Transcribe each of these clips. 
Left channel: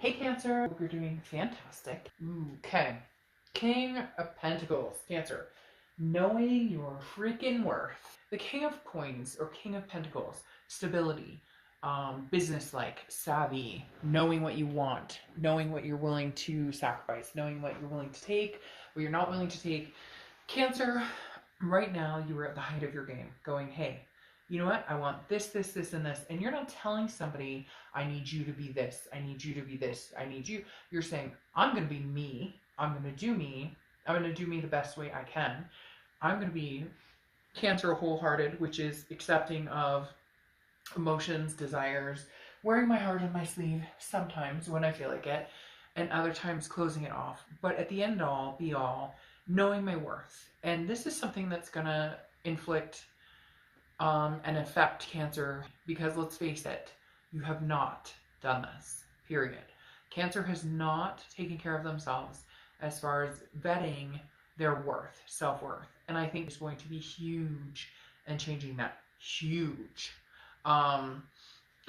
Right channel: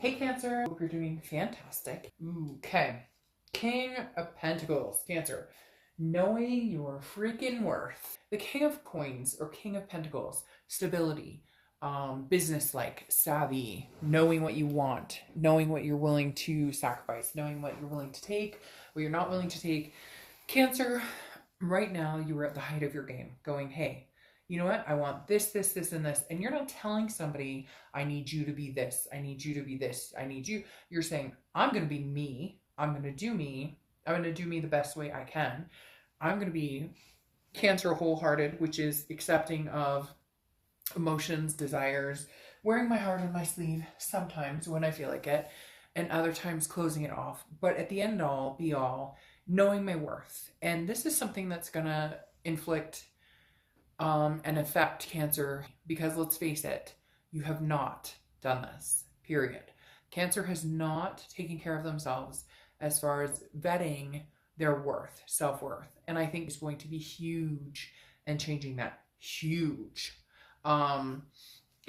Hey Cancer, hope you're doing fantastic. Okay, King of Pentacles, Cancer. Knowing your freaking worth. The King of Coins or King of Pentacles, stability, business-like, savvy, knowing what you want, knowing what you're willing to sacrifice, knowing what you're willing to take, what you're not willing to take. Cancer, right now you are at the height of your game, going, hey, you know what? I want this, this, this, and this. And you're not telling somebody, I need you to be this. I need you to be this. I need you. You're saying, I'm going to be me. I'm going to do me. I'm going to do me the best way I can. I'm going to be Cancer wholehearted, which is accepting of emotions, desires, wearing my heart on my sleeve sometimes when I feel like it, and other times closing it off. But at the end all, be all, knowing my worth. And this is something that's going to inflict and affect Cancer, because let's face it, you have not done this, period. Cancer has not taken care of themselves as far as vetting their worth, self-worth. And I think it's going to be huge in changing that, huge. And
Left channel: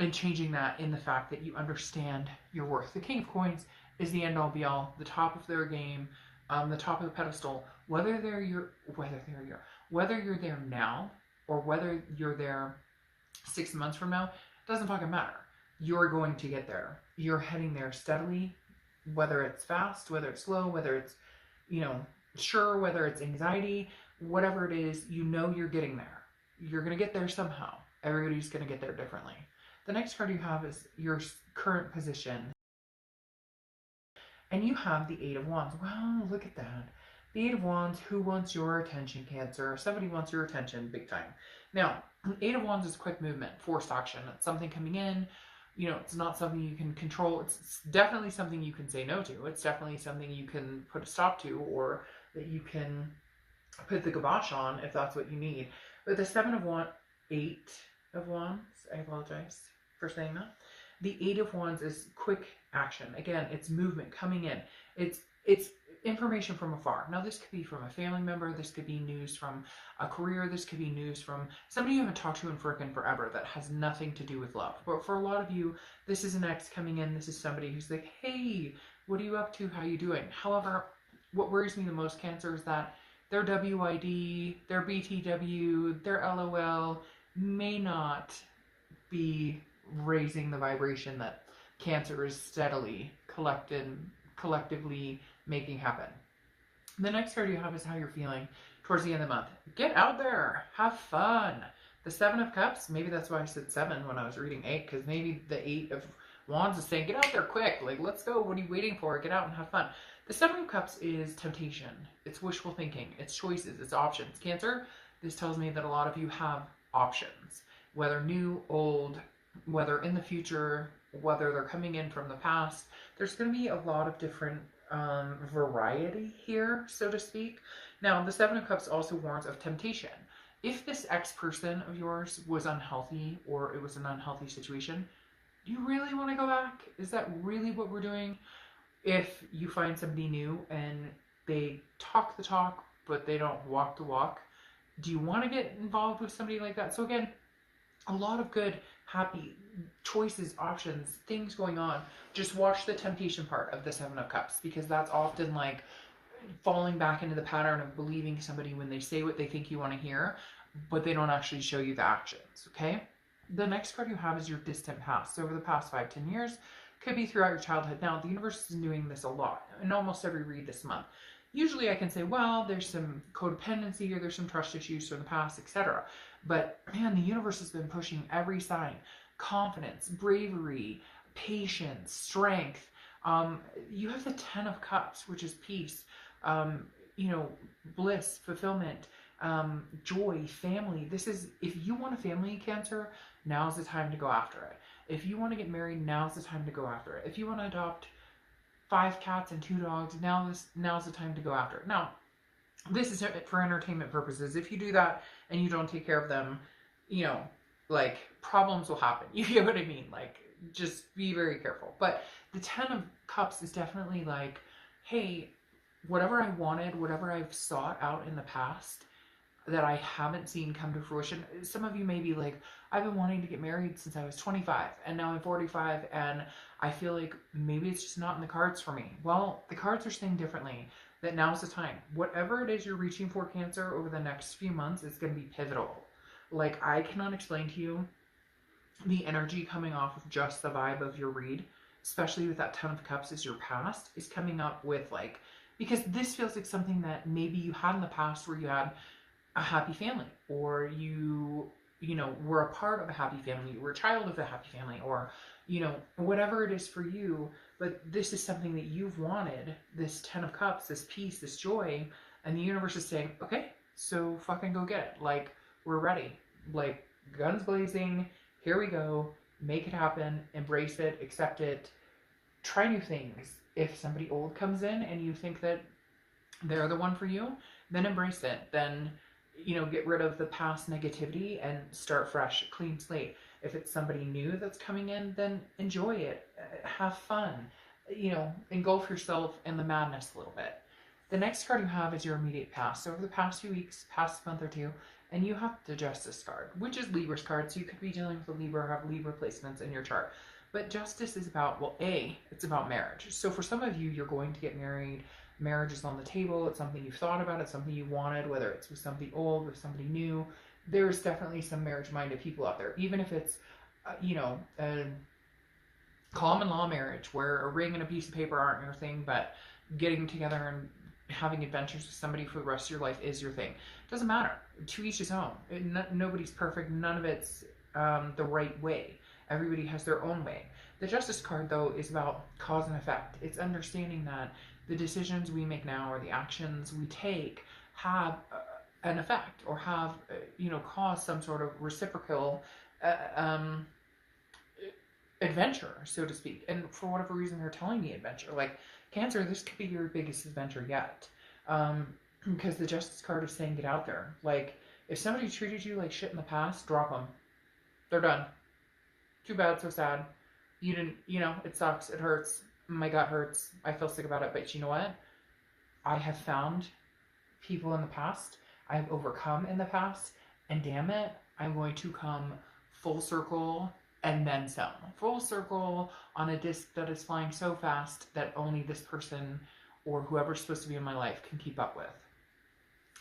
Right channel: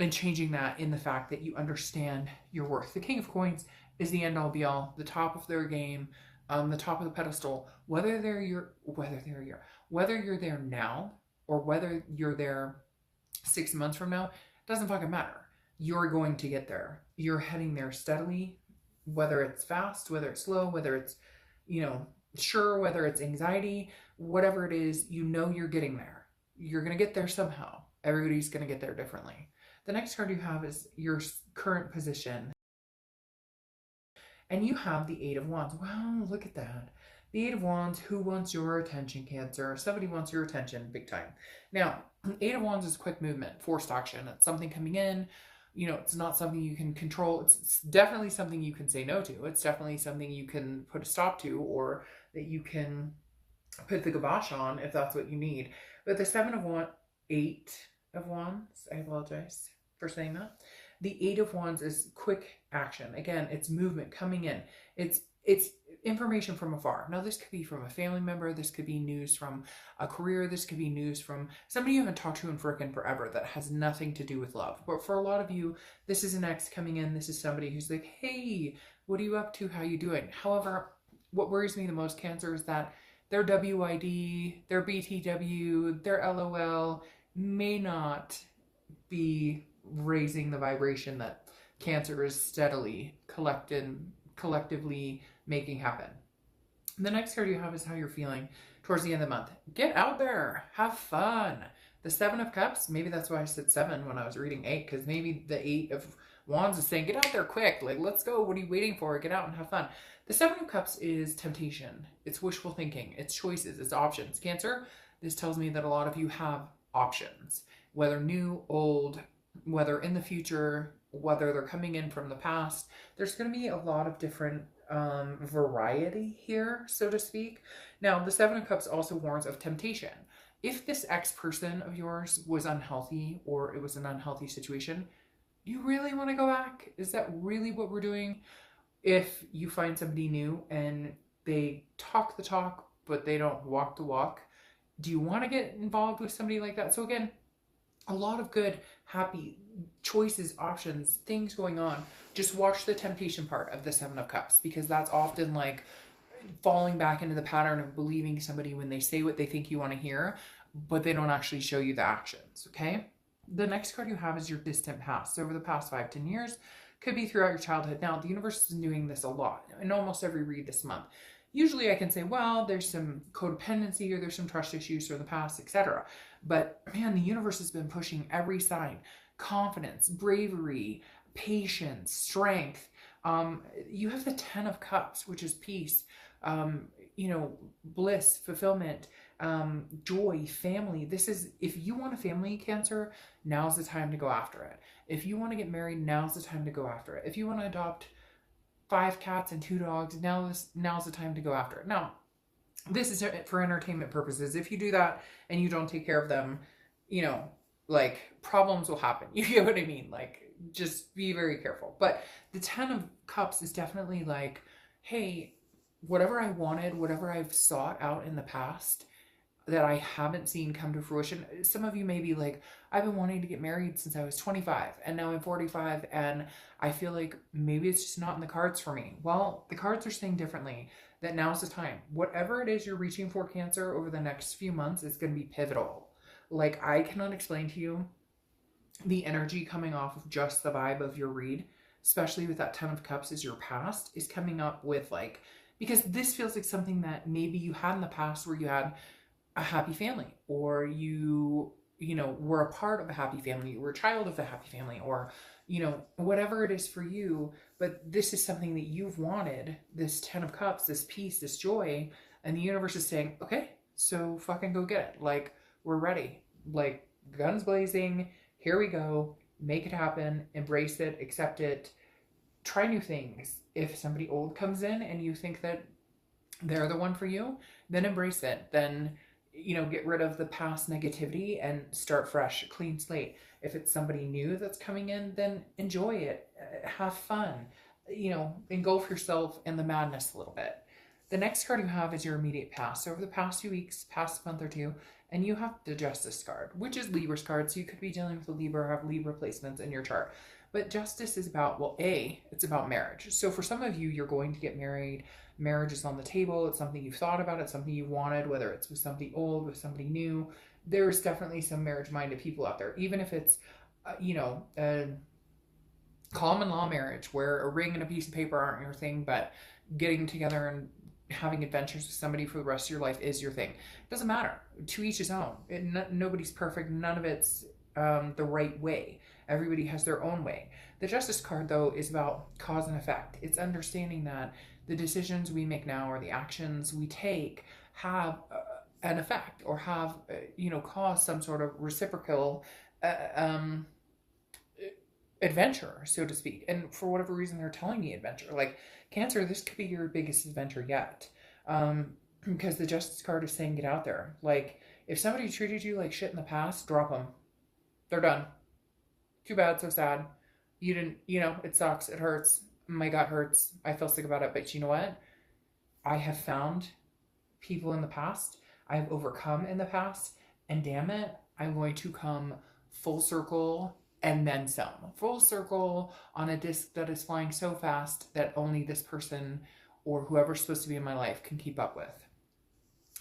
changing that in the fact that you understand your worth. The King of Coins is the end all be all, the top of their game, the top of the pedestal, whether you're there now, or whether you're there 6 months from now, doesn't fucking matter. You're going to get there. You're heading there steadily, whether it's fast, whether it's slow, whether it's, sure, whether it's anxiety, whatever it is, you're getting there. You're going to get there somehow. Everybody's going to get there differently. The next card you have is your current position. And you have the Eight of Wands. Wow, look at that. The Eight of Wands, who wants your attention, Cancer? Somebody wants your attention, big time. Now, Eight of Wands is quick movement, forced action. It's something coming in. It's not something you can control. It's definitely something you can say no to. It's definitely something you can put a stop to, or that you can put the kibosh on if that's what you need. But the Eight of Wands, I apologize for saying that. The Eight of Wands is quick action. Again, it's movement coming in. It's information from afar. Now, this could be from a family member. This could be news from a career. This could be news from somebody you haven't talked to in frickin' forever that has nothing to do with love. But for a lot of you, this is an ex coming in. This is somebody who's like, hey, what are you up to? How you doing? However, what worries me the most, Cancer, is that their WID, their BTW, their LOL may not be raising the vibration that Cancer is steadily collectively making happen. The next card you have is how you're feeling towards the end of the month. Get out there, have fun. The Seven of Cups, maybe that's why I said 7 when I was reading 8, because maybe the Eight of Wands is saying, get out there quick, like, let's go, what are you waiting for? Get out and have fun. The Seven of Cups is temptation, it's wishful thinking, it's choices, it's options. Cancer, this tells me that a lot of you have options, whether new, old, whether in the future, whether they're coming in from the past. There's going to be a lot of different variety here, so to speak. Now, the Seven of Cups also warns of temptation. If this ex-person of yours was unhealthy, or it was an unhealthy situation, do you really want to go back? Is that really what we're doing? If you find somebody new and they talk the talk, but they don't walk the walk, do you want to get involved with somebody like that? So again, a lot of good, happy choices, options, things going on. Just watch the temptation part of the Seven of Cups, because that's often like falling back into the pattern of believing somebody when they say what they think you want to hear, but they don't actually show you the actions, okay? The next card you have is your distant past. Over the past 5-10 years, could be throughout your childhood. Now, the universe is doing this a lot in almost every read this month. Usually I can say, well, there's some codependency, or there's some trust issues from the past, etc. But man, the universe has been pushing every sign. Confidence, bravery, patience, strength. You have the Ten of Cups, which is peace, bliss, fulfillment, joy, family. This is, if you want a family, Cancer, now's the time to go after it. If you want to get married, now's the time to go after it. If you want to adopt 5 cats and 2 dogs, now's the time to go after it. Now, this is for entertainment purposes. If you do that and you don't take care of them, like, problems will happen. You get what I mean? Like, just be very careful. But the Ten of Cups is definitely like, hey, whatever I wanted, whatever I've sought out in the past, that I haven't seen come to fruition. Some of you may be like, I've been wanting to get married since I was 25 and now I'm 45 and I feel like maybe it's just not in the cards for me. Well, the cards are saying differently, that now's the time. Whatever it is you're reaching for, Cancer, over the next few months is going to be pivotal. Like, I cannot explain to you the energy coming off of just the vibe of your read, especially with that 10 of Cups as your past, is coming up with like, because this feels like something that maybe you had in the past where you had a happy family, or you know, were a part of a happy family, you were a child of a happy family, or you know, whatever it is for you. But this is something that you've wanted, this 10 of Cups, this peace, this joy, and the universe is saying, okay, so fucking go get it. Like, we're ready. Like, guns blazing, here we go, make it happen, embrace it, accept it, try new things. If somebody old comes in and you think that they're the one for you, then embrace it. Then, you know, get rid of the past negativity and start fresh, clean slate. If it's somebody new that's coming in, then enjoy it, have fun, you know, engulf yourself in the madness a little bit. The next card you have is your immediate past. So over the past few weeks, past month or two, and you have the Justice card, which is Libra's card. So you could be dealing with a Libra or have Libra placements in your chart. But Justice is about, well, it's about marriage. So for some of you, you're going to get married. Marriage is on the table. It's something you've thought about. It's something you wanted, whether it's with somebody old, with somebody new. There's definitely some marriage-minded people out there, even if it's, you know, a common law marriage where a ring and a piece of paper aren't your thing, but getting together and having adventures with somebody for the rest of your life is your thing. Doesn't matter. To each his own. Nobody's perfect. None of it's the right way. Everybody has their own way. The Justice card, though, is about cause and effect. It's understanding that the decisions we make now or the actions we take have an effect, or have, you know, cause some sort of reciprocal adventure, so to speak. And for whatever reason, they're telling me adventure. Like, Cancer, this could be your biggest adventure yet. Because the Justice card is saying get out there. Like, if somebody treated you like shit in the past, drop them. They're done. Too bad, so sad. You didn't, you know, it sucks, it hurts. My gut hurts. I feel sick about it. But you know what? I have found people in the past. I've overcome in the past. And damn it, I'm going to come full circle and then some. Full circle on a disc that is flying so fast that only this person or whoever's supposed to be in my life can keep up with.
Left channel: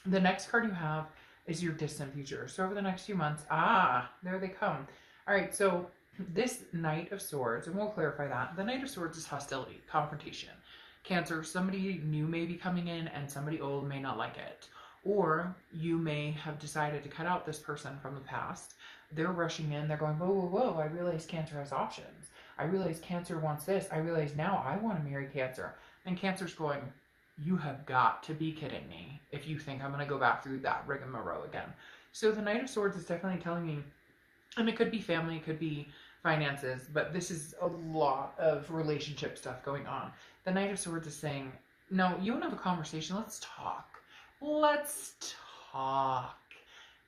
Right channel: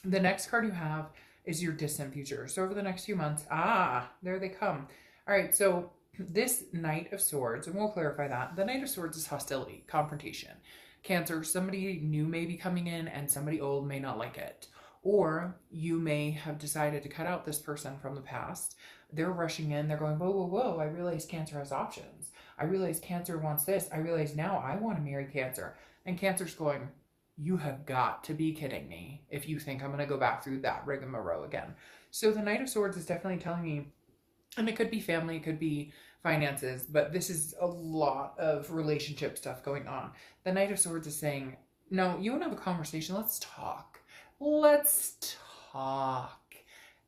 The next card you have is your distant future. So over the next few months, there they come. All right, so this Knight of Swords, and we'll clarify that. The Knight of Swords is hostility, confrontation. Cancer, somebody new may be coming in and somebody old may not like it. Or you may have decided to cut out this person from the past. They're rushing in, they're going, whoa, whoa, whoa, I realize Cancer has options. I realize Cancer wants this. I realize now I want to marry Cancer. And Cancer's going, you have got to be kidding me if you think I'm going to go back through that rigmarole again. So the Knight of Swords is definitely telling me, and it could be family, it could be finances, but this is a lot of relationship stuff going on. The Knight of Swords is saying, no, you want to have a conversation, let's talk. Let's talk.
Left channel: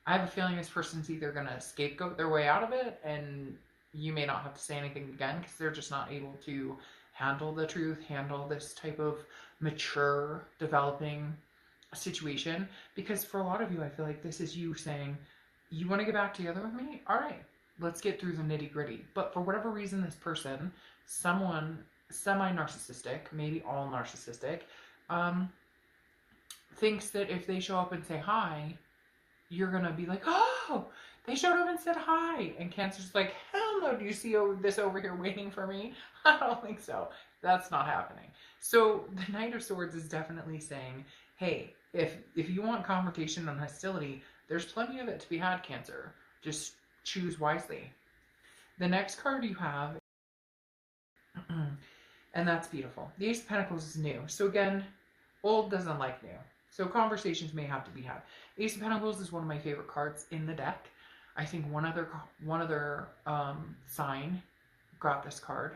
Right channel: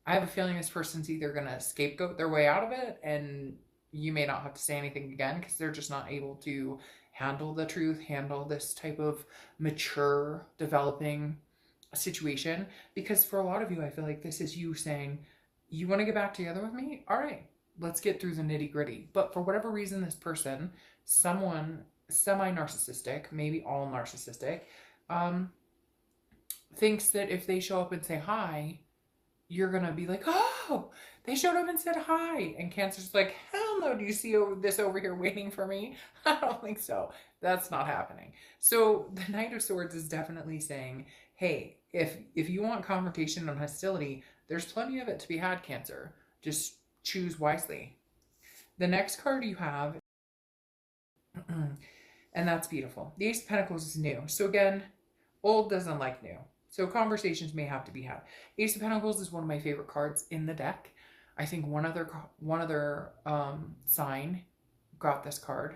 I have a feeling this person's either going to scapegoat their way out of it, and you may not have to say anything again because they're just not able to handle the truth, handle this type of mature, developing situation. Because for a lot of you, I feel like this is you saying, you want to get back together with me? All right, let's get through the nitty gritty. But for whatever reason, this person, someone semi-narcissistic, maybe all narcissistic, thinks that if they show up and say hi, you're going to be like, oh, they showed up and said hi. And Cancer's like, hell no, do you see this over here waiting for me? I don't think so. That's not happening. So the Knight of Swords is definitely saying, hey, if you want confrontation and hostility, there's plenty of it to be had, Cancer. Just choose wisely. The next card you have, and that's beautiful. The Ace of Pentacles is new. So again, old doesn't like new. So conversations may have to be had. Ace of Pentacles is one of my favorite cards in the deck. I think one other sign got this card.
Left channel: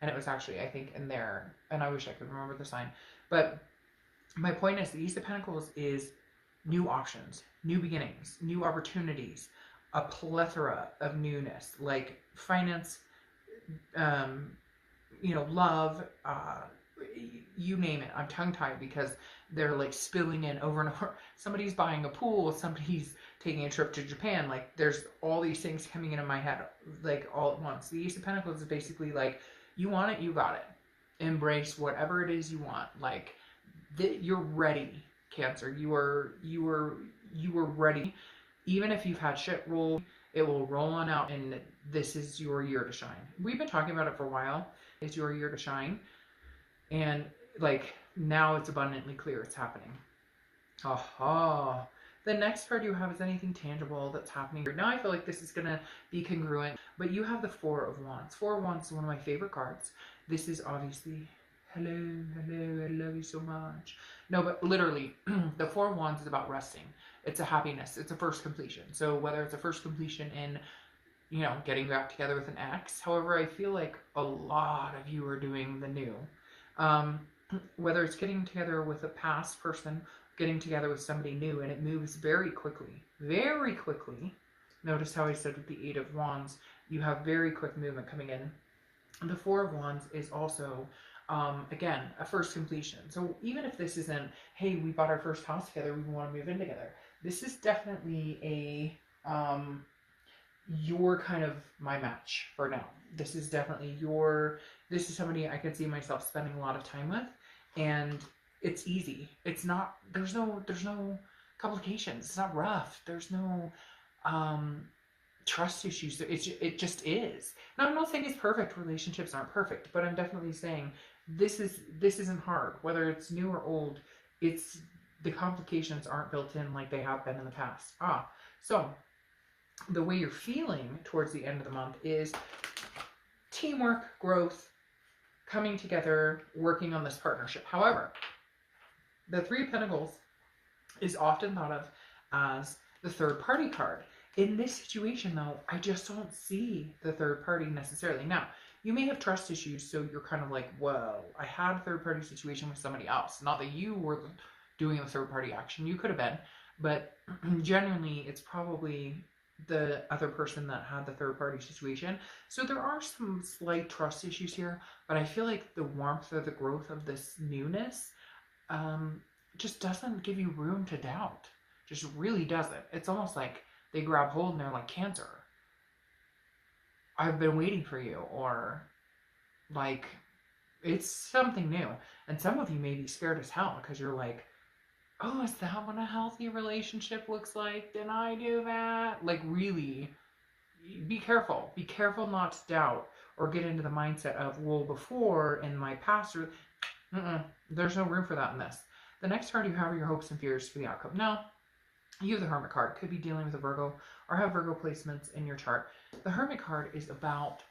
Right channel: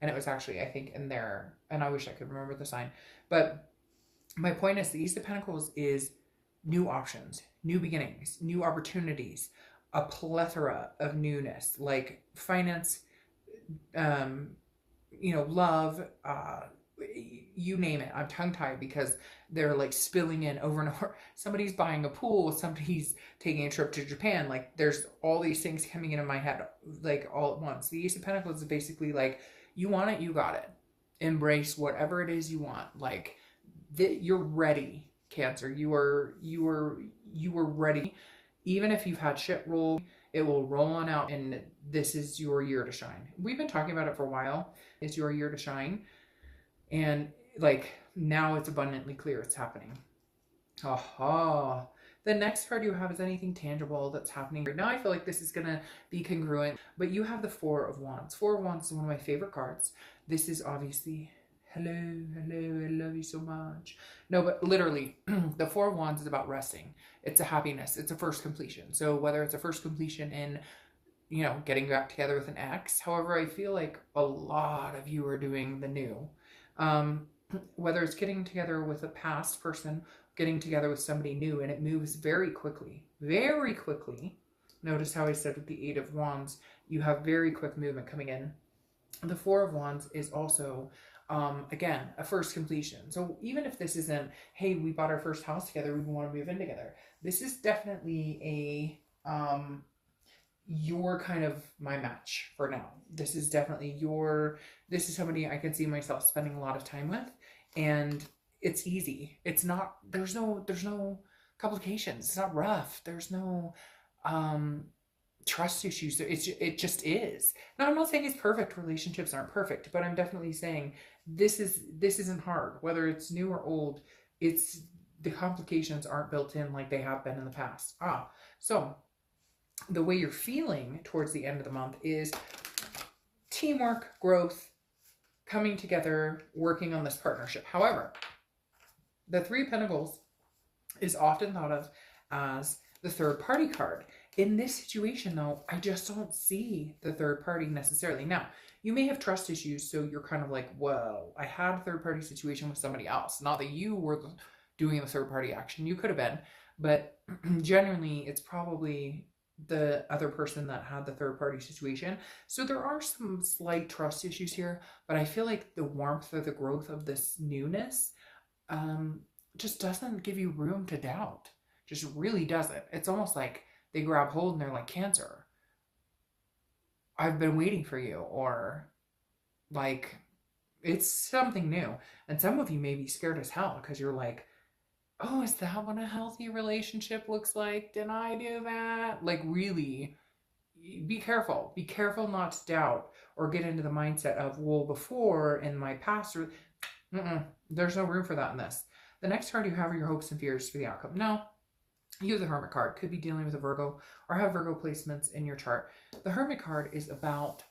And it was actually, I think, in there. And I wish I could remember the sign. But my point is, the Ace of Pentacles is new options, new beginnings, new opportunities, a plethora of newness, like finance, you know, love, you name it. I'm tongue tied because they're like spilling in over and over. Somebody's buying a pool, somebody's taking a trip to Japan. Like there's all these things coming into my head like all at once. The Ace of Pentacles is basically like, you want it, you got it. Embrace whatever it is you want. Like you're ready, Cancer. You are ready. Even if you've had shit roll, it will roll on out, and this is your year to shine. We've been talking about it for a while. It's your year to shine. And like now it's abundantly clear it's happening. Aha. The next card you have is anything tangible that's happening right now. I feel like this is going to be congruent, but you have the Four of Wands. Four of Wands is one of my favorite cards. This is obviously, hello, I love you so much. No, but literally, the Four of Wands is about resting. It's a happiness. It's a first completion. So whether it's a first completion in, you know, getting back together with an ex. However, I feel like a lot of you are doing the new. Whether it's getting together with a past person, getting together with somebody new, and it moves very quickly. Very quickly. Notice how I said with the Eight of Wands, you have very quick movement coming in. The Four of Wands is also, again, a first completion. So even if this isn't, hey, we bought our first house together, we want to move in together. This is definitely a, you're kind of my match for now. This is definitely this is somebody I could see myself spending a lot of time with, and it's easy. It's not, there's no complications. It's not rough. There's no, trust issues. It just is. Now, I'm not saying it's perfect. Relationships aren't perfect, but I'm definitely saying this isn't hard. Whether it's new or old, the complications aren't built in like they have been in the past. So the way you're feeling towards the end of the month is teamwork, growth, coming together, working on this partnership. However, the Three of Pentacles is often thought of as the third party card. In this situation, though, I just don't see the third party necessarily. Now, you may have trust issues, so you're kind of like, well, I had a third party situation with somebody else. Not that you were doing the third party action. You could have been. But genuinely, it's probably the other person that had the third party situation. So there are some slight trust issues here. But I feel like the warmth or the growth of this newness just doesn't give you room to doubt. Just really doesn't. It's almost like they grab hold and they're like, Cancer, I've been waiting for you, or like it's something new. And some of you may be scared as hell because you're like, oh, is that what a healthy relationship looks like? Did I do that? Like, really, be careful. Be careful not to doubt or get into the mindset of, well, before in my past, there's no room for that in this. The next card you have are your hopes and fears for the outcome. Now, you have the Hermit card. Could be dealing with a Virgo or have Virgo placements in your chart. The Hermit card is about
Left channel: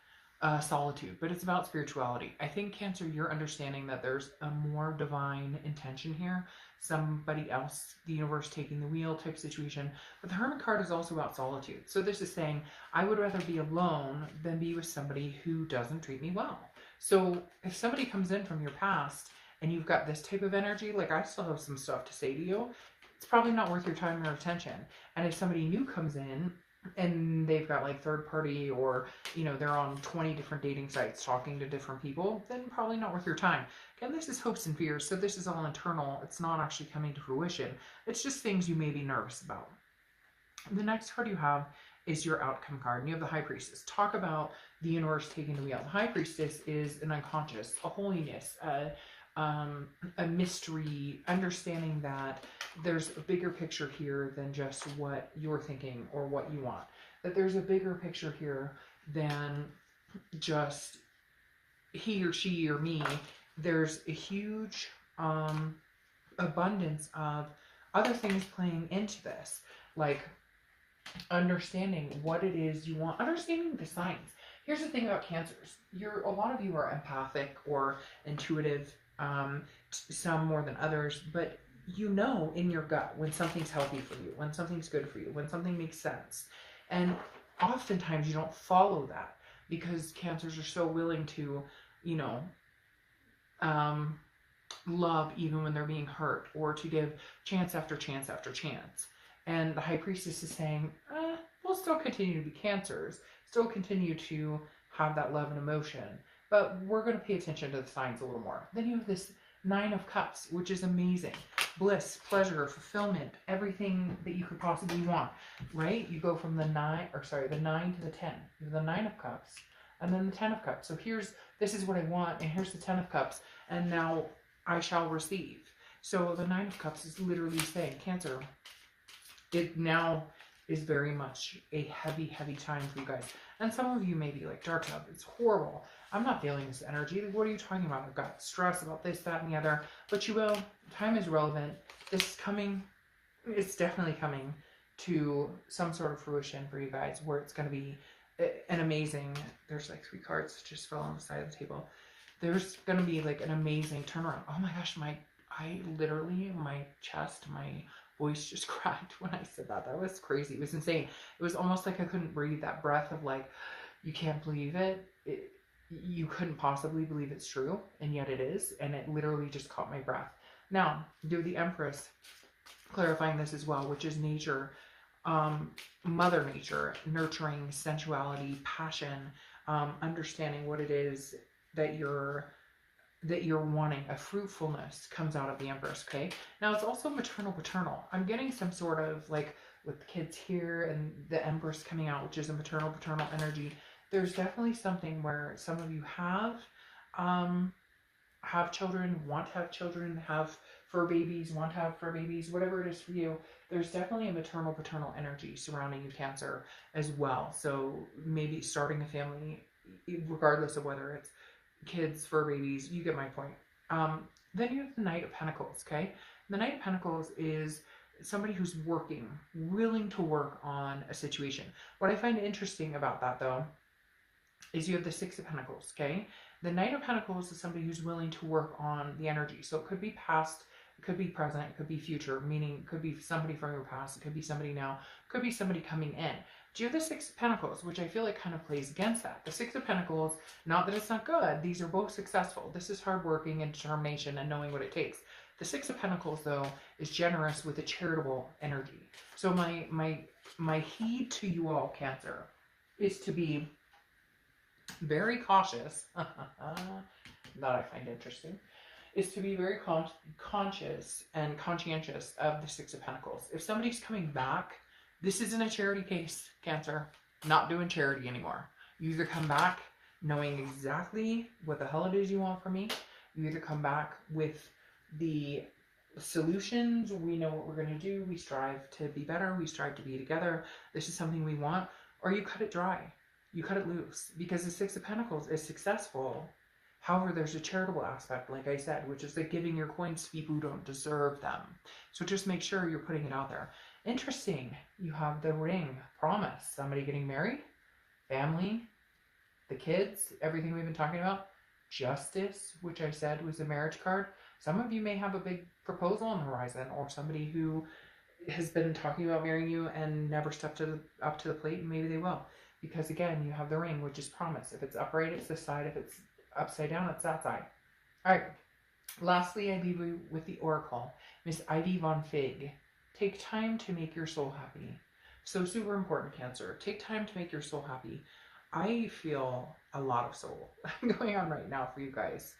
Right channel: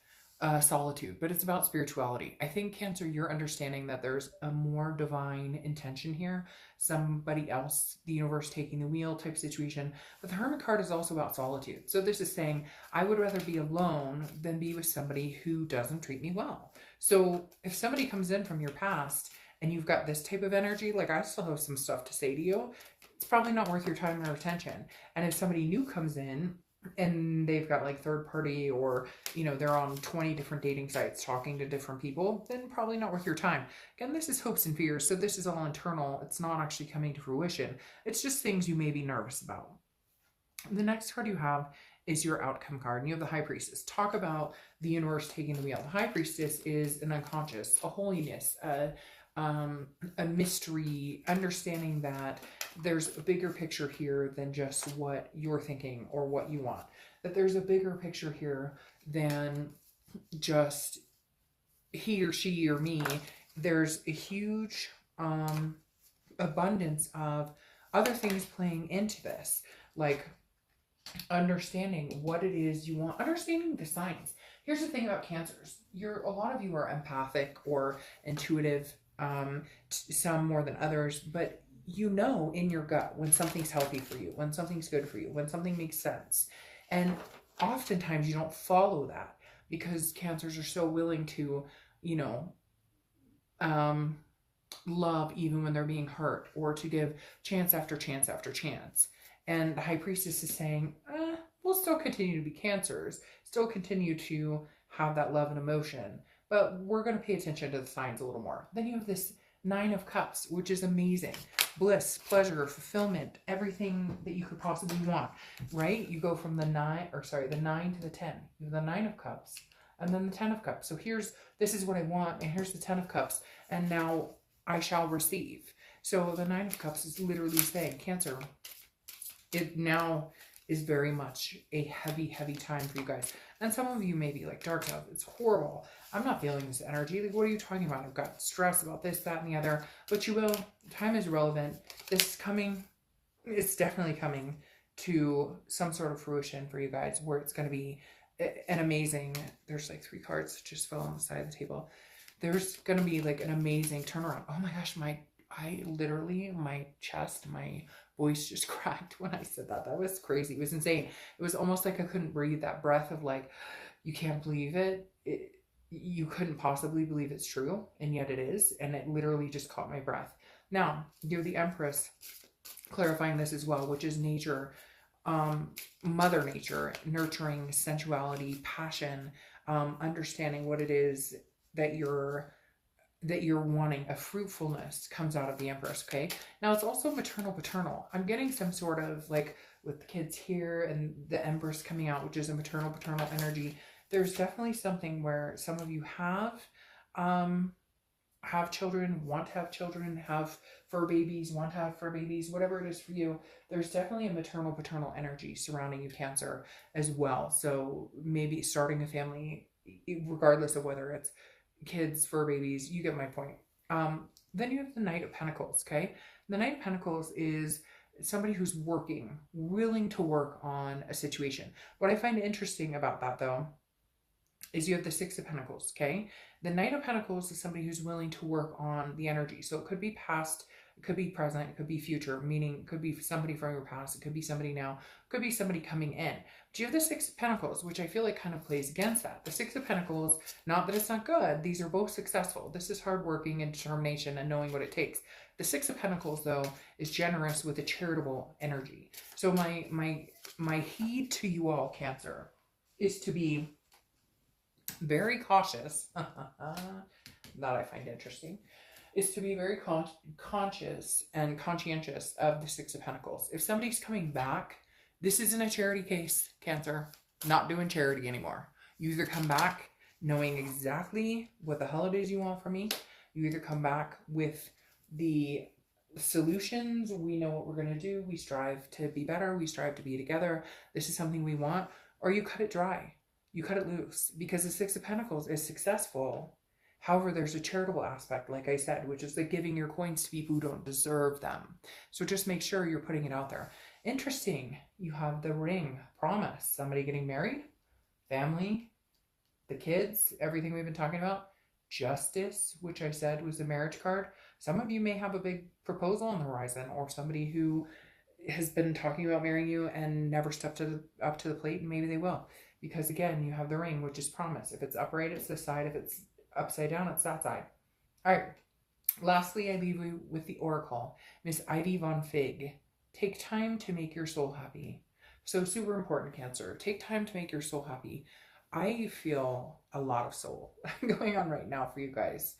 solitude, but it's about spirituality. I think, Cancer, you're understanding that there's a more divine intention here. Somebody else, the universe taking the wheel type situation. But the Hermit card is also about solitude. So this is saying, I would rather be alone than be with somebody who doesn't treat me well. So if somebody comes in from your past and you've got this type of energy, like I still have some stuff to say to you, it's probably not worth your time or attention. And if somebody new comes in and they've got like third party, or, you know, they're on 20 different dating sites talking to different people, then probably not worth your time. Again, this is hopes and fears. So this is all internal. It's not actually coming to fruition. It's just things you may be nervous about. The next card you have is your outcome card. And you have the High Priestess. Talk about the universe taking the wheel. The High Priestess is an unconscious, a holiness, a mystery, understanding that there's a bigger picture here than just what you're thinking or what you want. That there's a bigger picture here than just he or she or me. There's a huge abundance of other things playing into this, like understanding what it is you want, understanding the signs. Here's the thing about Cancers. A lot of you are empathic or intuitive, some more than others, but you know in your gut when something's healthy for you, when something's good for you, when something makes sense. And oftentimes you don't follow that because Cancers are so willing to, you know, love even when they're being hurt, or to give chance after chance after chance. And the High Priestess is saying, we'll still continue to be Cancers, still continue to have that love and emotion, but we're going to pay attention to the signs a little more. Then you have this Nine of Cups, which is amazing. Bliss, pleasure, fulfillment, everything that you could possibly want, right? You go from the 9 to the 10. You have the 9 of Cups and then the 10 of Cups. So this is what I want, and here's the 10 of Cups, and now I shall receive. So the 9 of Cups is literally saying, Cancer, it now is very much a heavy, heavy time for you guys. And some of you may be like, Dark Dove, it's horrible. I'm not feeling this energy. Like, what are you talking about? I've got stress about this, that, and the other. But you will. Time is relevant. This is coming. It's definitely coming to some sort of fruition for you guys, where it's going to be an amazing, there's like 3 cards that just fell on the side of the table. There's going to be like an amazing turnaround. Oh my gosh, my chest, my voice just cracked when I said that. That was crazy. It was insane. It was almost like I couldn't breathe. That breath of like, you can't believe it. You couldn't possibly believe it's true, and yet it is, and it literally just caught my breath. Now, do the Empress, clarifying this as well, which is nature, Mother Nature, nurturing, sensuality, passion, understanding what it is that you're wanting. A fruitfulness comes out of the Empress, okay? Now, it's also maternal, paternal. I'm getting some sort of, like, with the kids here and the Empress coming out, which is a maternal, paternal energy. There's definitely something where some of you have children, want to have children, have fur babies, want to have fur babies, whatever it is for you. There's definitely a maternal, paternal energy surrounding you, Cancer, as well. So maybe starting a family, regardless of whether it's kids, fur babies, you get my point. Then you have the Knight of Pentacles, okay? The Knight of Pentacles is somebody who's working, willing to work on a situation. What I find interesting about that, though, is you have the Six of Pentacles, okay? The Knight of Pentacles is somebody who's willing to work on the energy. So it could be past, it could be present, it could be future, meaning it could be somebody from your past, it could be somebody now, it could be somebody coming in. But you have the Six of Pentacles, which I feel like kind of plays against that. The Six of Pentacles, not that it's not good, these are both successful. This is hardworking and determination and knowing what it takes. The Six of Pentacles, though, is generous with a charitable energy. So my heed to you all, Cancer, is to be very cautious, that I find interesting, is to be very conscious and conscientious of the Six of Pentacles. If somebody's coming back, this isn't a charity case, Cancer. Not doing charity anymore. You either come back knowing exactly what the hell it is you want from me. You either come back with the solutions. We know what we're going to do. We strive to be better. We strive to be together. This is something we want. Or you cut it dry. You cut it loose, because the Six of Pentacles is successful. However, there's a charitable aspect, like I said, which is like giving your coins to people who don't deserve them. So just make sure you're putting it out there. Interesting. You have the Ring, promise, somebody getting married, family, the kids, everything we've been talking about. Justice, which I said was a marriage card. Some of you may have a big proposal on the horizon, or somebody who has been talking about marrying you and never stepped up to the plate, and maybe they will. Because again, you have the Ring, which is promise. If it's upright, it's this side. If it's upside down, it's that side. All right. Lastly, I leave you with the Oracle, Miss Ivy Von Fig. Take time to make your soul happy. So super important, Cancer. Take time to make your soul happy. I feel a lot of soul going on right now for you guys.